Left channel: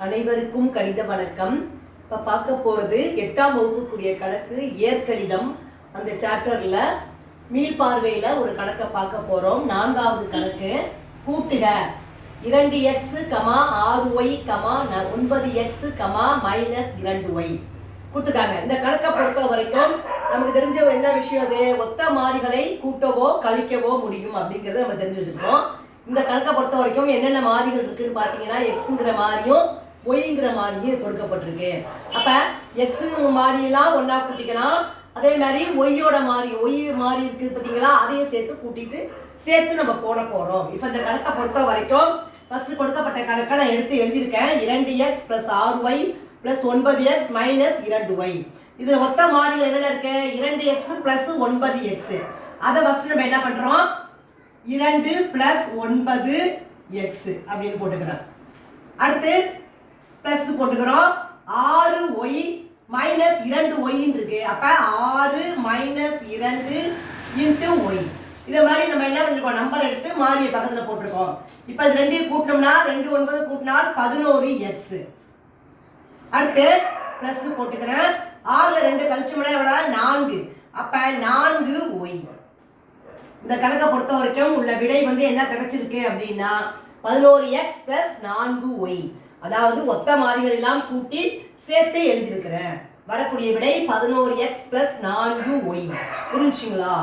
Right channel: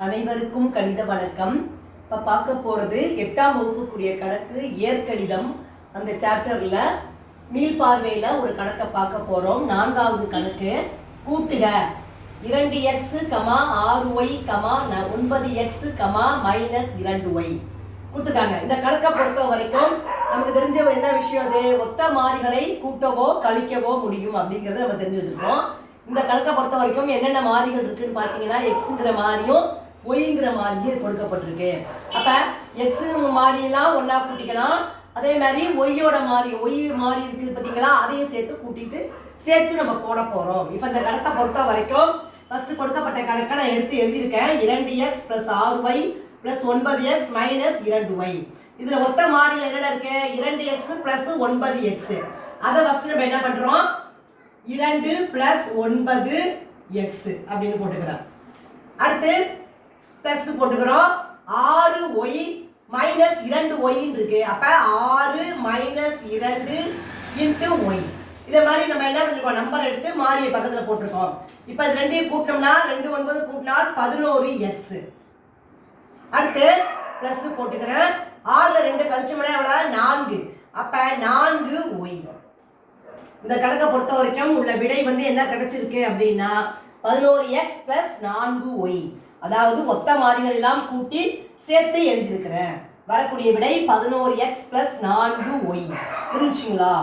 அனைவருக்கும் கணித வணக்கம். இப்போ பார்க்க போகிறது எட்டாம் வகுப்புக்குரிய கணக்கு இயற்கணிதம். அந்த சாப்டரில் மீள்பார்வையில் ஒரு கணக்கை பார்க்க போகிறோம் நான்காவது கணக்கு கூட்டுக. இரண்டு எக்ஸு கமா ஆறு ஒய் கமா ந- ஒன்பது எக்ஸு கமா மைனஸ் இரண்டு ஒய் கூட்டுக்காங்க இந்த கணக்கை பொறுத்த வரைக்கும் நமக்கு தெரிஞ்ச என்ன விஷயம் அது? ஒத்த மாறிகளை கூட்டவோ கழிக்கவோ முடியும் அப்படிங்கிறத நம்ம தெரிஞ்சு வச்சுருக்கோம் இந்த கணக்கை பொறுத்த வரைக்கும் என்னென்ன மாறிகள் இருக்குன்னு பார்த்தீங்கன்னா எக்ஸுங்கிற மாறியும் ஒய்ங்கிற மாதிரியும் கொடுக்கப்பட்டிருக்கு. அப்ப எக்ஸ் மாதிரிலாம் ஒன்றா கூட்டிக்கலாம். அதே மாதிரி ஒய்யோட மாறி ஒய் மாறி இருக்கு பார்த்தீங்களா? அதையும் சேர்த்து கூட்டிட்டு சேர்த்து நம்ம போட போறோம். இப்போ இந்த கணக்கை பொறுத்த வரைக்கும் ஃபர்ஸ்ட் கொடுக்கப்பட்ட கணக்கை நான் எடுத்து எழுதியிருக்கேன். இரண்டு எக்ஸ் பிளஸ் ஆறு ஒய் பிளஸ் ஒன்பது எக்ஸ் மைனஸ் இரண்டு ஒய் இதுல ஒத்த மாறியில் என்னென்ன இருக்கு? இரண்டு எக்ஸ் பிளஸ் ஒன்பது எக்ஸ் அதை ஃபர்ஸ்ட் நம்ம என்ன பண்றோம்? இரண்டு பிளஸ் ஒன்பது எக்ஸ் அப்படின்னு போட்டுக்கிறோம். அடுத்து பிளஸ் போட்டுக்கிறோம். ஆறு ஒய் மைனஸ் இரண்டு ஒய்ன்னு இருக்கு. அப்ப ஆறு மைனஸ் இரண்டு இன்ட்டு ஒய் இதை மாதிரி நம்ம என்ன பண்ணிருக்கோம்? நம்பர் எடுத்து மாறிய பக்கத்துல போட்டிருக்கோம். இப்போ இது ரெண்டையும் கூட்டினோம்னா ரெண்டு ஒன்பது கூட்டினால் பதினோரு எக்ஸ் அடுத்து பிளஸ் போட்டுக்கிறேன். ஆறுல ரெண்டு கழிச்சோம்னா எவ்வளவு? நான்கு. அப்ப நான்கு ஒய் இந்த கணக்கை பொறுத்த வரைக்கும் உள்ள விடை வந்து என்ன கிடைச்சிருக்கு அப்படின்னா பதினோரு எக்ஸ் பிளஸ் நான்கு ஒய் அதாவது ஒத்த மாறிகள் எல்லாம் கூட்டி சேர்த்து எழுதியிருக்கிறேன். வரக்கூடிய விடை பதினோரு எக்ஸ் பிளஸ் நான்கு ஒய் புரிஞ்சுங்களா?